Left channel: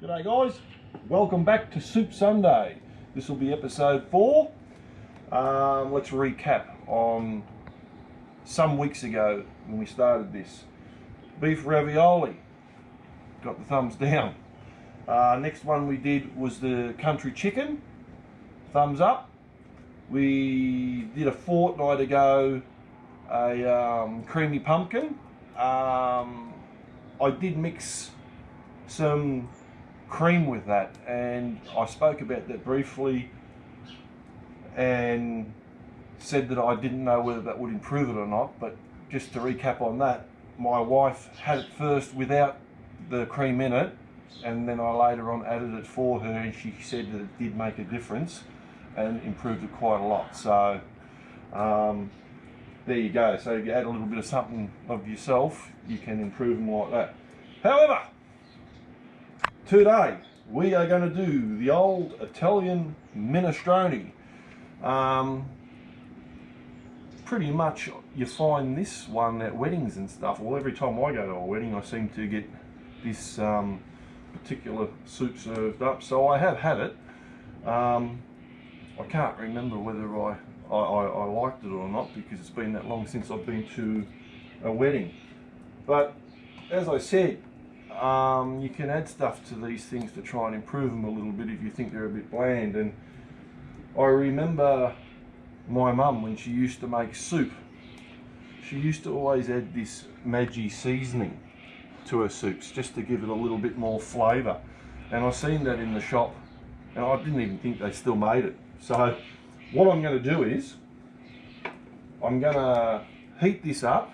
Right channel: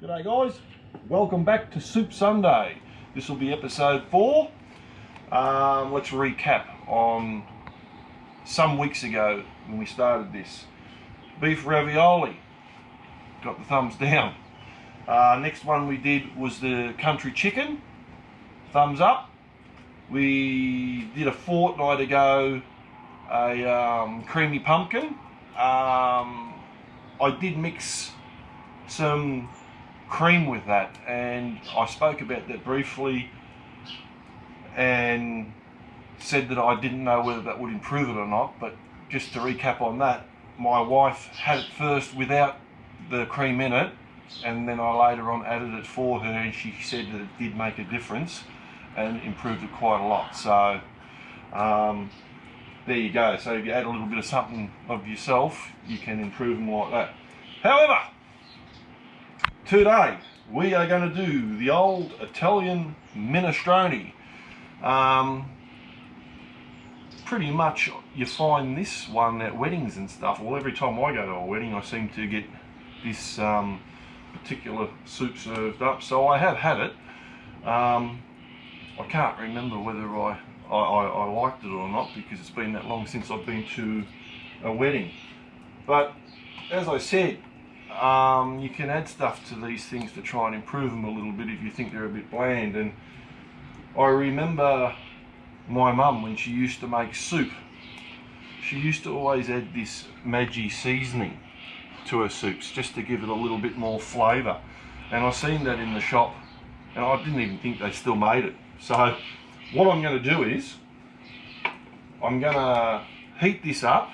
G'day guys, welcome back to Soup Sunday. This will be episode 4. Let's recap on some weeks ago when we started this. Beef ravioli, got the thumbs down. Next one we did was the country chicken, thumbs up. We did a fortnight ago a creamy pumpkin. I did mix some cream with that, and I spoke about that briefly and said that I didn't know whether that would improve it or not. But just to recap on that, my wife had it first without the cream in it, and then I later on added it for her, and she said that it did make a difference and improved it quite a lot. So there you go. So if you add a little bit of something of yourself, you can improve them like that. However, today we are going to do the old Italian minestrone. Pretty much you find this one at weddings and stuff. Well, every time I go to a wedding I seem to get this particular soup served up, so I have had it. I can't remember whether I liked it or not, because it's been that long since I've been to a wedding. But as I said, you can add stuff to these things to try and improve them a little bit if you think they're a bit bland. And I remember my mum, when she used to make soup, she used to always add this Maggi seasoning to her soups just to give it a little bit more flavour. And I seen that in the shop and I didn't even think they still made it. So what I'm going to do is I'm going to heat this up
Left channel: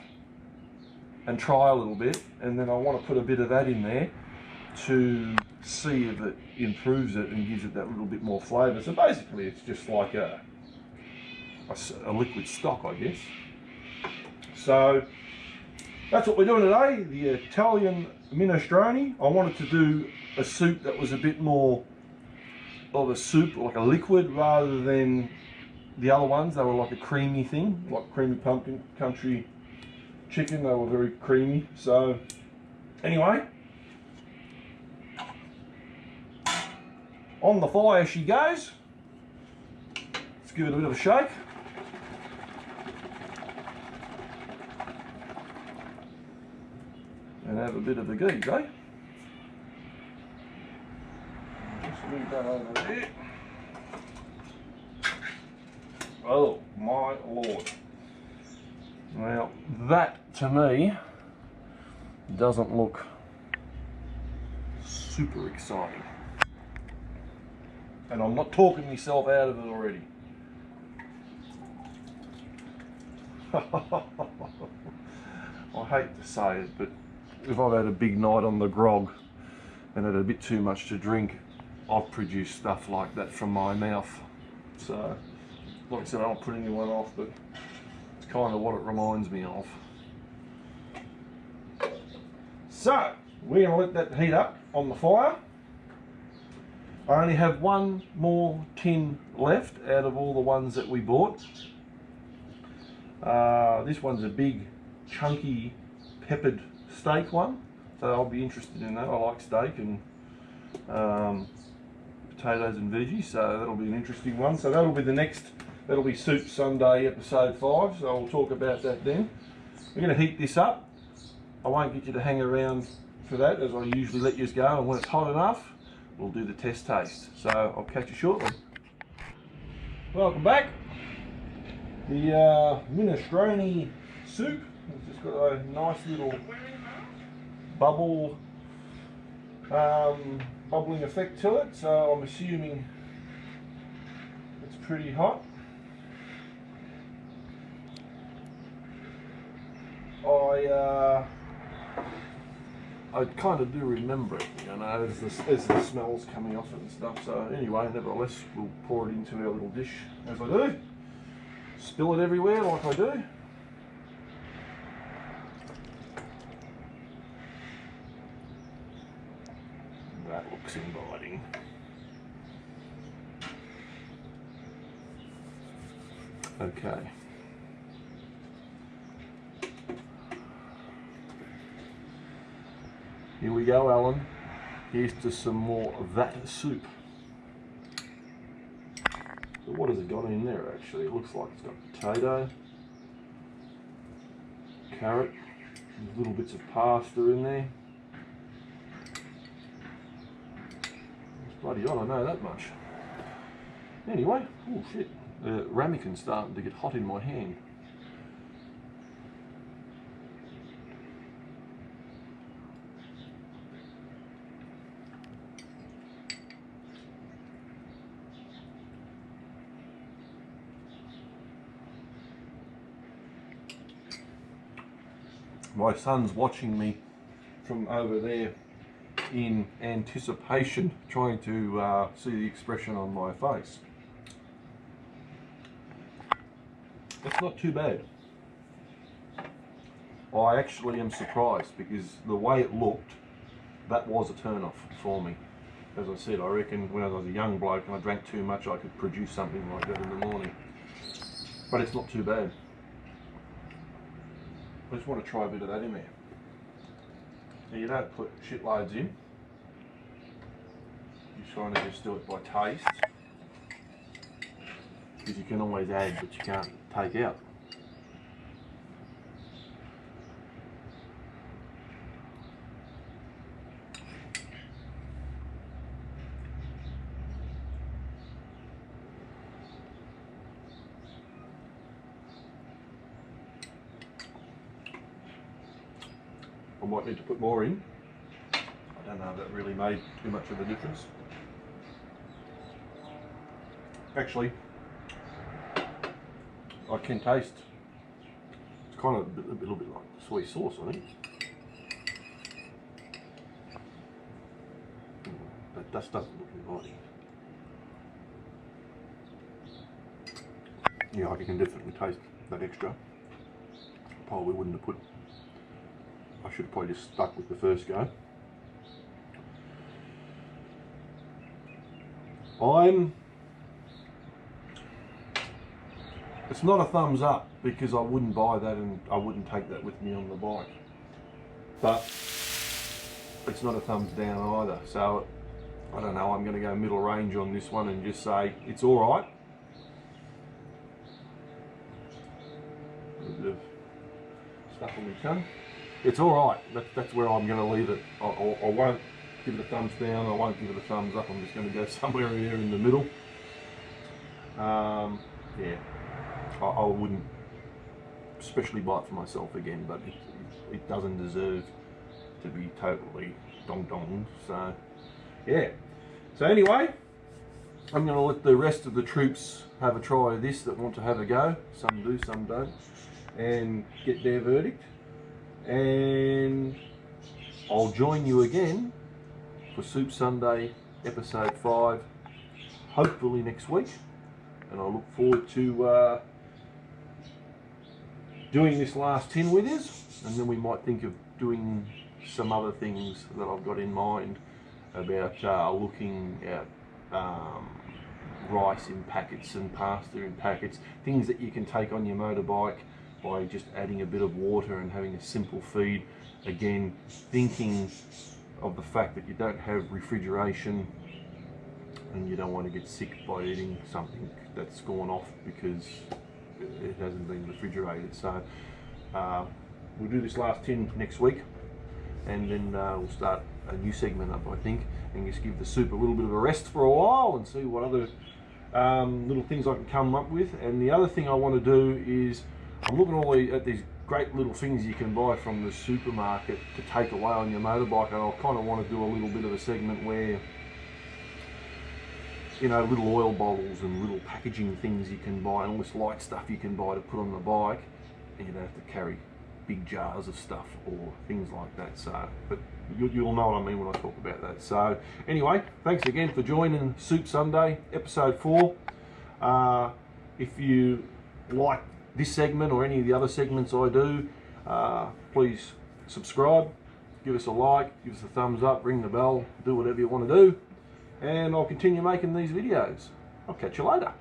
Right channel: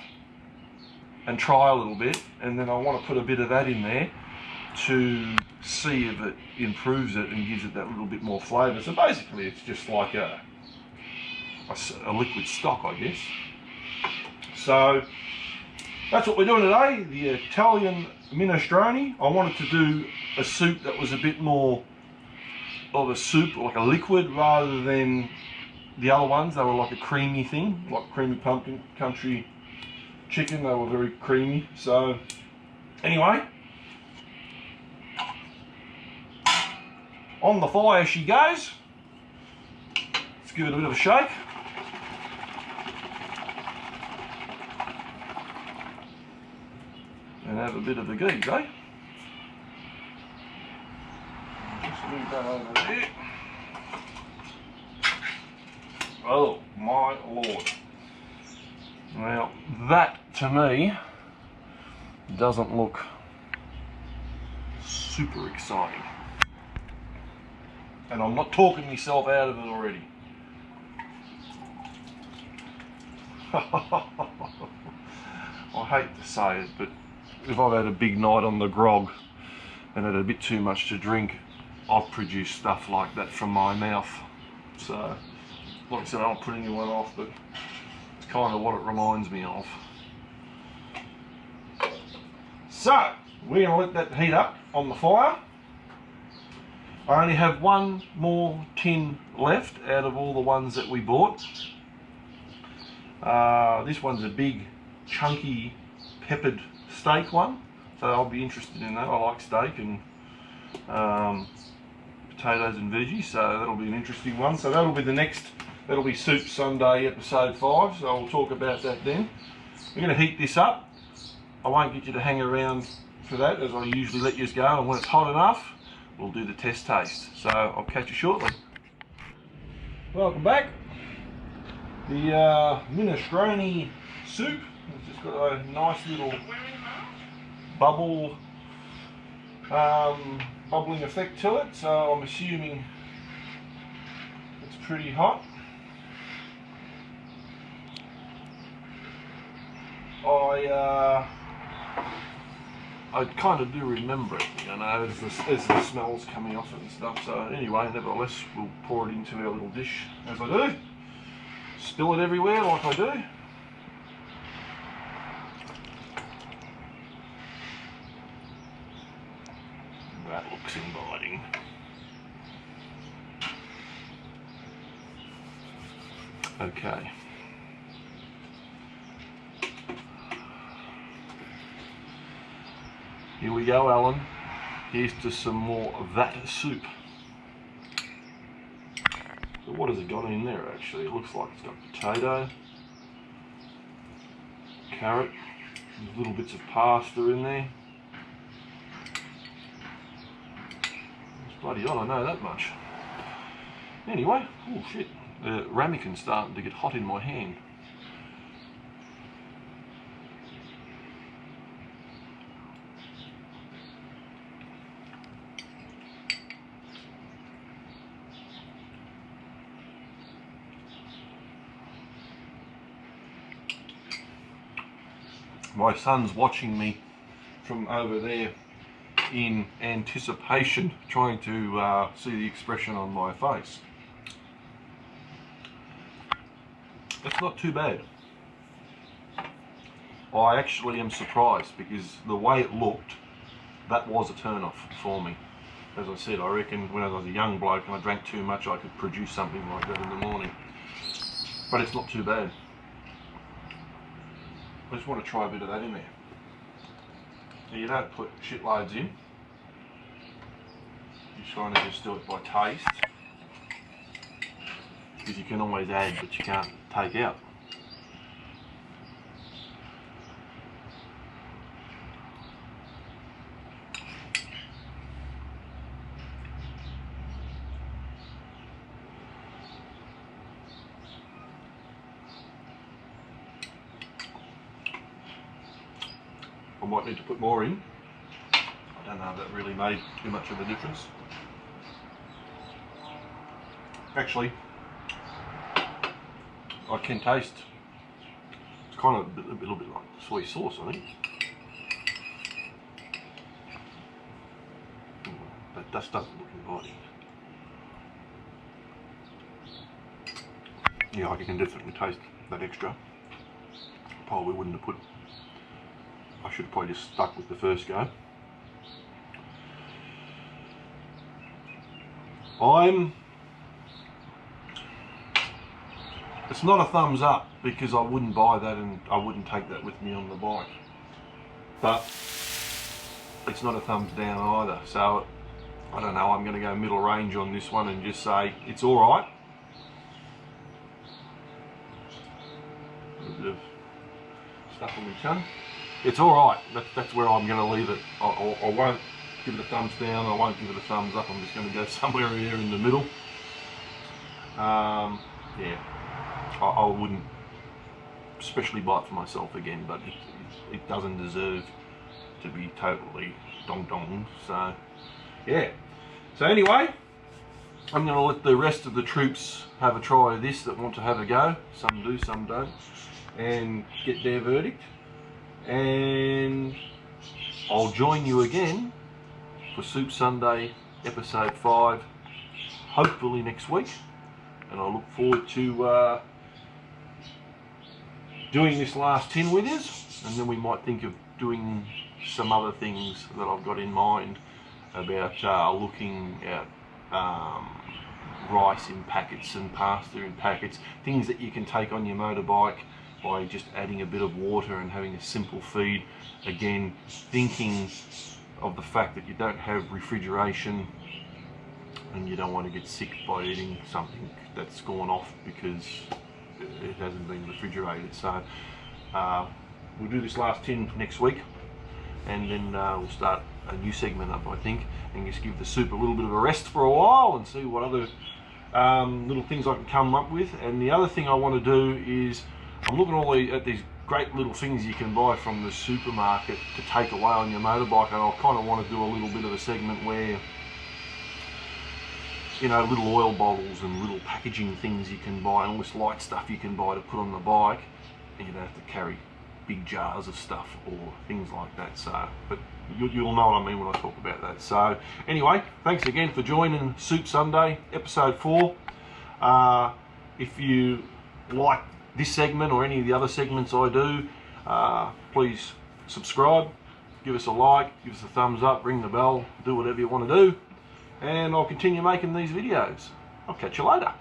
and try a little bit, and then I want to put a bit of that in there to see if it improves it and gives it that little bit more flavour. So basically it's just like a liquid stock, I guess. So that's what we're doing today, the Italian minestrone. I wanted to do a soup that was a bit more of a soup, like a liquid, rather than the other ones. They were like a creamy thing, like creamy pumpkin, country chicken. They were very creamy. So anyway, on the fire she goes. Let's give it a bit of a shake. And have a bit of a geese, eh? Just move that over there. Oh my lord. Now that to me doesn't look super exciting. And I'm not talking myself out of it already. I hate to say it, but if I've had a big night on the grog and had a bit too much to drink, I've produced stuff like that from my mouth. So, like I said, I don't put anyone off, but it's kind of what it reminds me of. So, we're going to let that heat up on the fire. I only have one more tin left out of all the ones that we bought. This one's a big, chunky, peppered steak one, so I'll be interested in that. I like steak and potatoes and veggies, so that'll be an interesting one. So that'll be the next, that'll be Soup Sunday episode 5, so we'll talk about that then. We're going to heat this up. I won't get you to hang around for that, as I usually let you go, and when it's hot enough, we'll do the test taste. So I'll catch you shortly. Welcome back. The minestrone soup has just got a nice little bubbling effect to it, so I'm assuming it's pretty hot. I kind of do remember it, you know, as the smell's coming off it and stuff. So anyway, nevertheless, we'll pour it into our little dish as I do. Spill it everywhere like I do. That looks inviting. Okay. Here we go, Alan. Here's to some more of that soup. So what has it got in there actually? It looks like it's got potato, carrot, there's little bits of pasta in there. It's bloody hot, I know that much. Anyway, oh shit, the ramekins starting to get hot in my hand. My son's watching me from over there in anticipation, trying to see the expression on my face. It's not too bad. I actually am surprised, because the way it looked, that was a turn off for me. As I said, I reckon when I was a young bloke and I drank too much, I could produce something like that in the morning. But it's not too bad. I just want to try a bit of that in there. Now, you don't put shitloads in. You kind of just do it by taste. Because you can always add, but you can't take out. I might need to put more in. I don't know if that really made too much of a difference. Actually, I can taste, it's kind of a little bit like soy sauce, I think. That doesn't look inviting. Yeah, I can definitely taste that extra. Probably wouldn't have put, I should have probably just stuck with the first go. It's not a thumbs up, because I wouldn't buy that and I wouldn't take that with me on the bike. But it's not a thumbs down either. So I don't know, I'm going to go middle range on this one and just say it's alright. A bit of stuff on my tongue. It's alright, that's where I'm going to leave it. I won't give it a thumbs down, I won't give it a thumbs up, I'm just going to go somewhere here in the middle. Yeah, I wouldn't especially buy it for myself again, but it doesn't deserve to be totally dong-donged, so yeah. So anyway, I'm going to let the rest of the troops have a try of this that want to have a go. Some do, some don't, and get their verdict. And I'll join you again for Soup Sunday episode 5, hopefully next week, and I look forward to doing this last 10 with you, and then we might think of doing some other things that I've got in mind about looking at rice in packets and pasta in packets, things that you can take on your motorbike by just adding a bit of water and having a simple feed. Again, thinking of the fact that you don't have refrigeration and you don't want to get sick by eating something that's gone off because it hasn't been refrigerated. So we'll do this last tin next week, and then we'll start a new segment up, I think, and just give the soup a little bit of a rest for a while and see what other little things I can come up with. And the other thing I want to do is, I'm looking at these great little things you can buy from the supermarket to take away on your motorbike, and I kind of want to do a little bit of a segment where, you know, little oil bottles and little packaging things you can buy, and all this light stuff you can buy to put on the bike, and you don't have to carry big jars of stuff or things like that. So, but you'll know what I mean when I talk about that. So anyway, thanks again for joining Soup Sunday episode 4. If you like this segment or any of the other segments I do, please subscribe, give us a like, give us a thumbs up, ring the bell, do whatever you want to do, and I'll continue making these videos. I'll catch you later.